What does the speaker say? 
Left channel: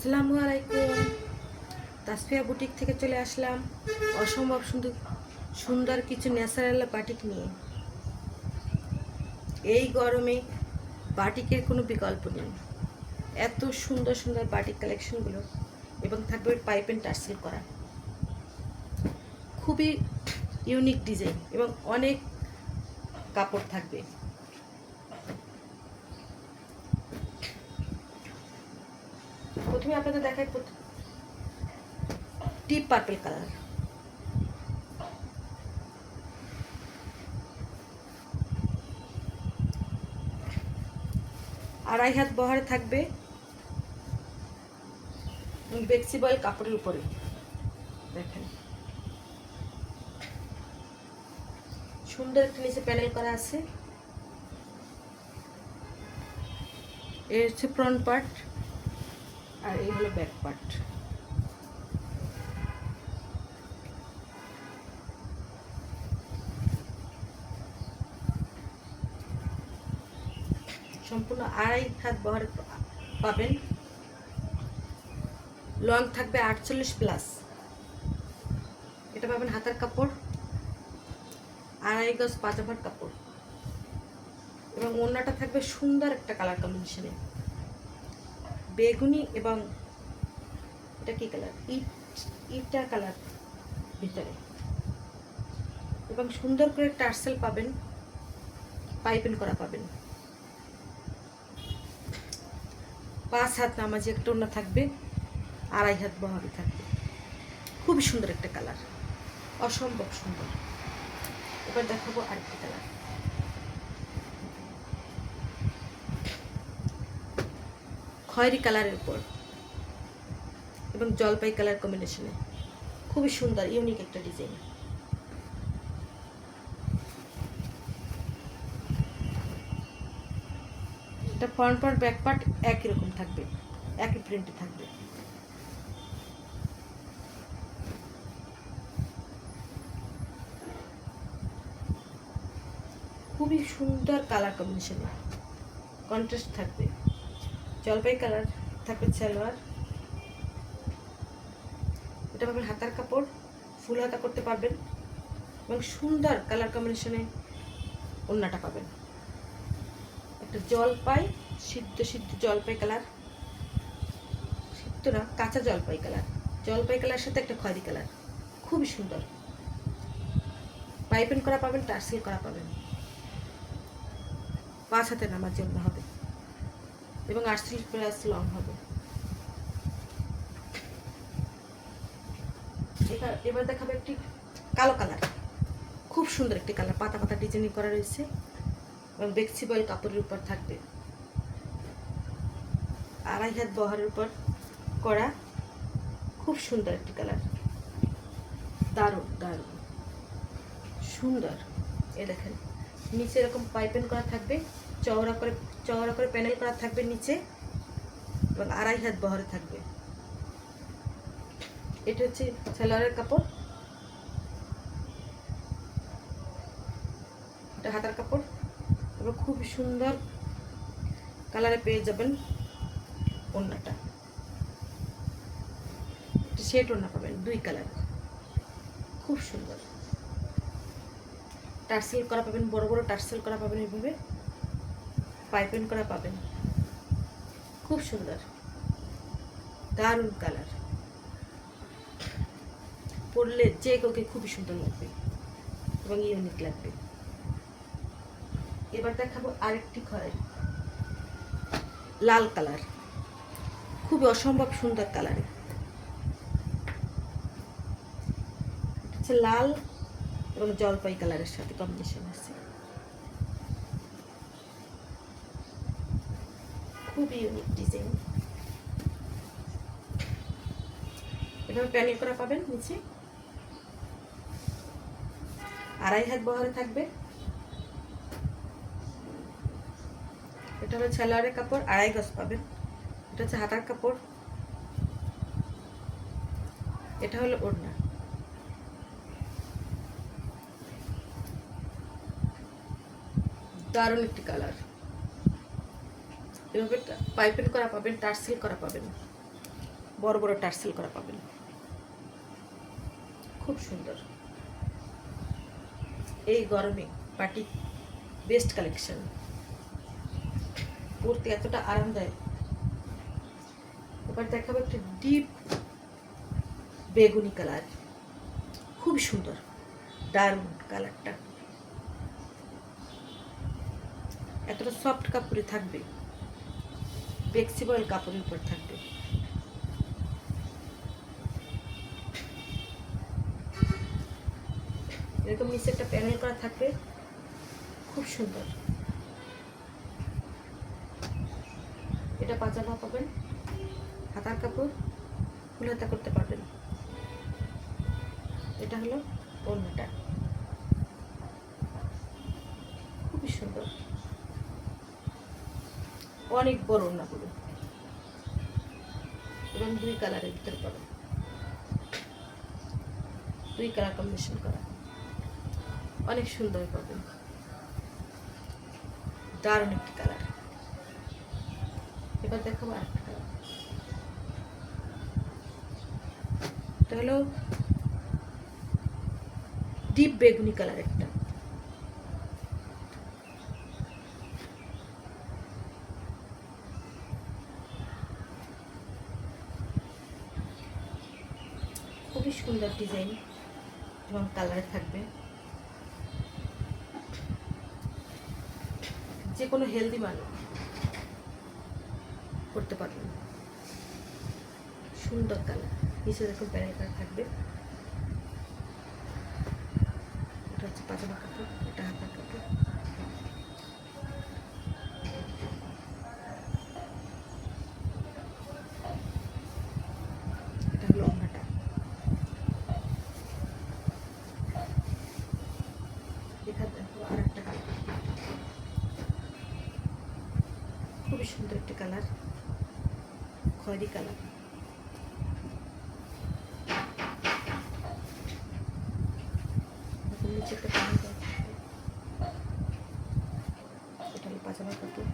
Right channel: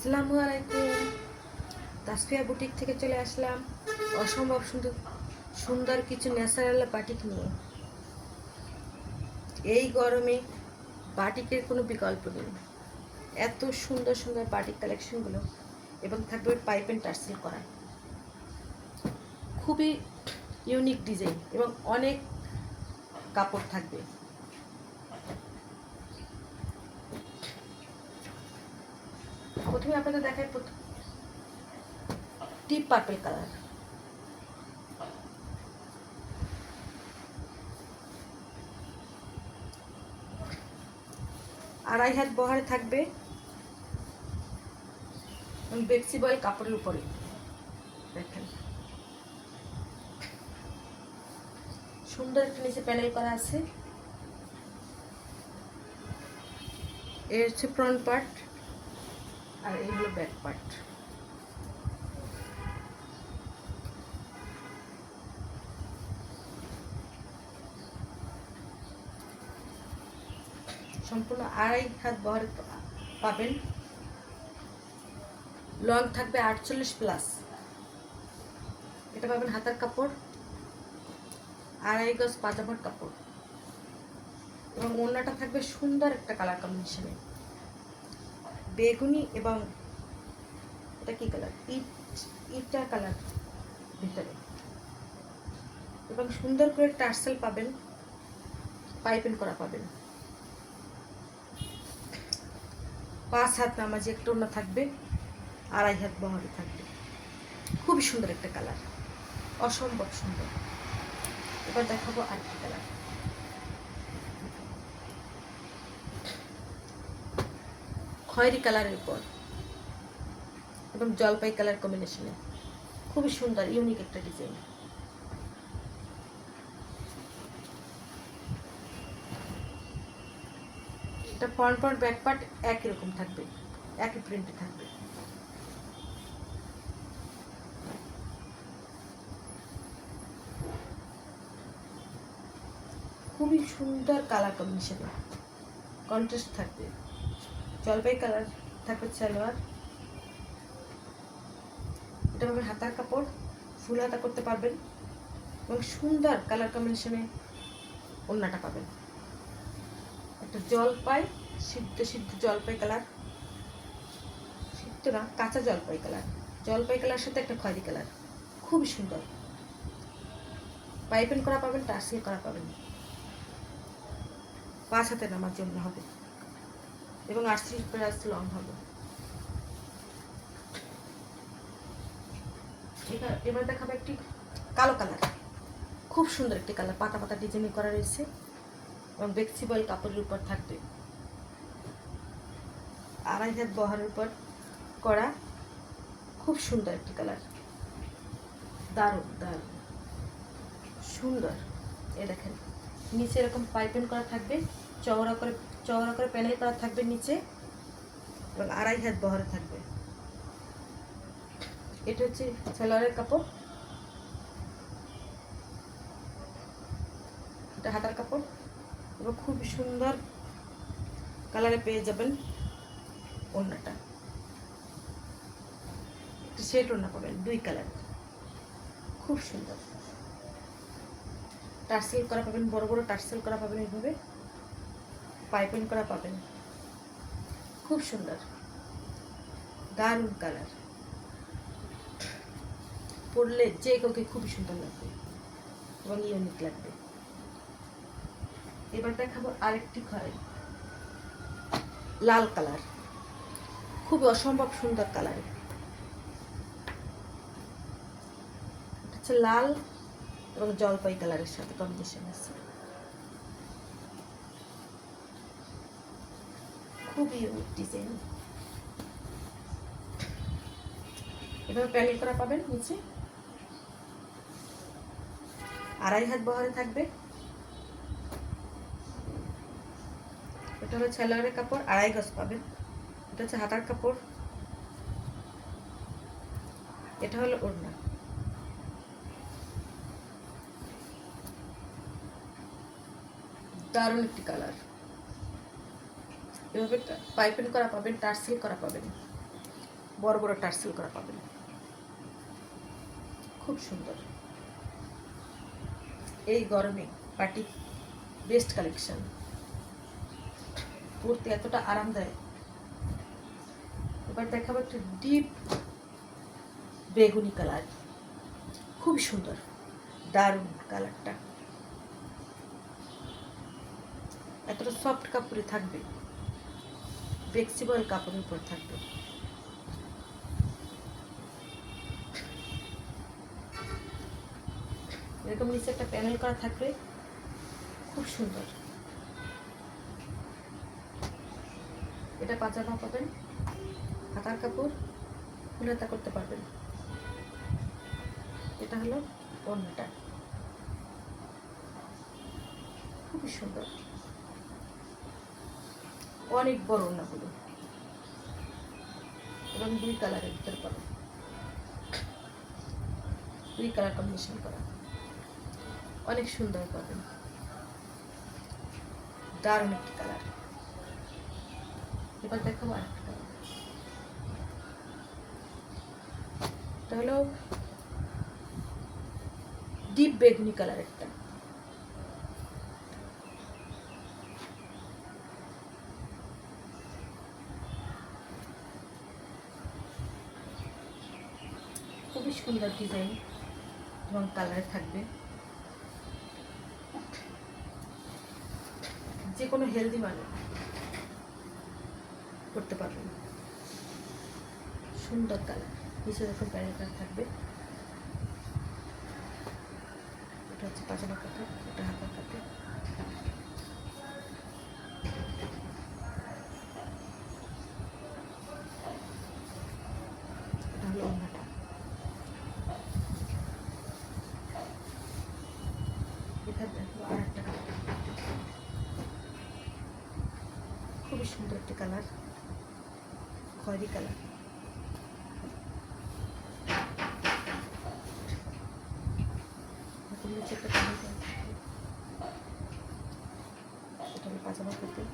আসসালামু আলাইকুম। তাসফিয়া বুটিক থেকে চলে আসলাম অসম্ভব সুন্দর সুন্দর কিছু ন্যাচারাল বাটিক নিয়ে। এই গরমে বাটিকের কোনো বিকল্প নেই। এত সুন্দর সুন্দর বাটিক কালেকশনগুলো এবং থাকবে পাইপ অ্যান্ড টার্সেল করা, খুবই ইউনিক ডিজাইন এবং অনেক কাপড় থাকবে। প্রথমে আপনাদের দেখাই ডিপ পার্পল কালার, আড়াই হাত বহরে থাকবে ফ্লেক্সিবল কাপড়ের উপরে। দেখেন সুন্দর একটা নিচে প্যানেল করা আছে। এই হচ্ছে ফ্রন্ট পার্ট আর এই হলো ব্যাক পার্ট। সম্পূর্ণ আড়াই হাত বহরে পাবেন। লং থাকবে 48+। এটা পাবেন হাতার কাপড়, আড়াই গজ পাজামার কাপড় এবং ওড়নাটা থাকবে সুন্দর একটা কালার কম্বিনেশনে, বেগুনি এবং এটা কি কালার, ইটা কালার ভিতরে, এবং সুন্দর করে টার্সেল পাবেন, পাইপিং করা পাবেন। 5 হাত নামাজি একটা ওড়না থাকবে, আড়াই হাত বহরে থাকবে। খুবই সুন্দর একটা কালার, অসম্ভব সুন্দর। এবার দেখাবো আরেকটা কালার, খয়েরি কালারের উপর এবং জলপাই কালার কম্বিনেশনে, খুবই সুন্দর ইউনিক একটা ডিজাইন। এটা ফ্রন্ট পার্ট ব্যাক পার্ট একই রকম থাকবে, একই প্রিন্টে থাকবে। খুবই সুন্দর কালার কম্বিনেশনে, কন্ট্রাস্ট থাকবে। জলপাই কালার থাকবে সালোয়ার। এটা পাবেন হাতার কাপড়, ফুল হাতা করতে পারবেন এবং সুন্দর কালার কম্বিনেশনে ওড়নাটা পাবেন। একটা জলপাই, সিদ্ধ সিদ্ধ জলপাই কালার, সিদ্ধ না কাঁচা জলপাই কালার, জলপাই কালার সাথে একটা খয়েরি কালার, খুবই সুন্দর। পাইপিং করা পাবেন, টার্সেল করা পাবেন। 5 হাতে নামার জন্য হবে এবং 38+ লং হবে। এবার দেখাবে একটি কালো কালার, খুব সুন্দর একটি কালার, পাতা পাতা ডিজাইনিং করা রয়েছে এবং ফ্লেক্সিবল কাপড়ের উপর থাকবে, আড়াই হাত বহরের উপর করা, খুব সুন্দর একটি কালার, দারুণ দারুণ সুন্দর। এ দেখেন নিচে এরকম পাইপিং করা থাকবে, চওড়া করে প্যানেল করা থাকবে নিচে এবং আড়াই হাত বহরে থাকবে। এটা হচ্ছে সালোয়ারের কাপড়, এটা হাতার কাপড় এবং খুব সুন্দর কালারে পেয়ে যাবেন ওড়নাটা। একটা শেড ওড়না পাবেন 2 কালার, খুব সুন্দর। টার্সেল করা পাবেন, বড় বড় টার্সেল করা পাবেন, এইভাবে পাইপিং করা পাবেন, খুব সুন্দর দারুণ কালার। পরলে যে কাউকে খুবই সুন্দর লাগবে এবং ইউনিক লাগবে। এবার দেখাবো আরেকটি লাল কালার, খুবই অসম্ভব সুন্দর কালার। এটা হচ্ছে লাল এবং জলপাই কালারের সাথে কম্বিনেশন আছে, খুবই ইউনিক ডিজাইন। এভাবে প্যানেল করা পাবেন নিচে, আড়াই হাত বহরে থাকবে। এটা হলো সালোয়ারের কাপড়, আড়াই গজ পাবেন। এটা হচ্ছে হাতার কাপড়, এটা হলো ওড়না। দারুণ একটি কালার। এভাবে পাইপিং করা পাবেন, টার্সেল করা পাবেন, বড় বড় টার্সেল করা পাবেন, খুব সুন্দর। এই গরমে পার্টি বেস্ট কালেকশন, পরতে এতটা আরামদায়ক। এবার দেখাবো একটা ডিপ বেগুনি কালার, খুব সুন্দর, দারুণ কালারটা। এতটা সফট কাপড়ে থাকবে, ফ্লেক্সিবল কাপড়ের উপর থাকবে। এরকম নিচে একটা প্যানেল করা থাকবে, খুব সুন্দর। এটা পাজামা পাবেন, হাতার কাপড়, ফুল হাতা করতে পারবেন। এটা হলো ওড়নাটা, খুবই সুন্দর, অনেক বড় ওড়নাগুলো, এবং 2 কালারের ভিতরে পাবেন, 2 কালার কম্বিনেশন করা, অনেক সুন্দর পাবেন, দারুণ একটি কালার। এবার দেখাবো আরেকটা কালার, এটা হলো ডিপ বেগুনি কালার একটা, খুবই সুন্দর ডিজাইন এবং কালারে থাকবে। যে কোনো হেলদি মানুষ করতে পারবেন, সুন্দর কালার। নিচে দেখুন প্যানেল কালার থাকবে, এটা হচ্ছে পাজামা কাপড়, এটা হাতার কাপড়। এটা হলো ওড়নাটা। এখানে দেখো আর একটা কালার, খুবই সুন্দর একটি কালার, খয়েরি কালার। নিচে একটা প্যানেল করা থাকবে, এটা হলো পাজামা কাপড়।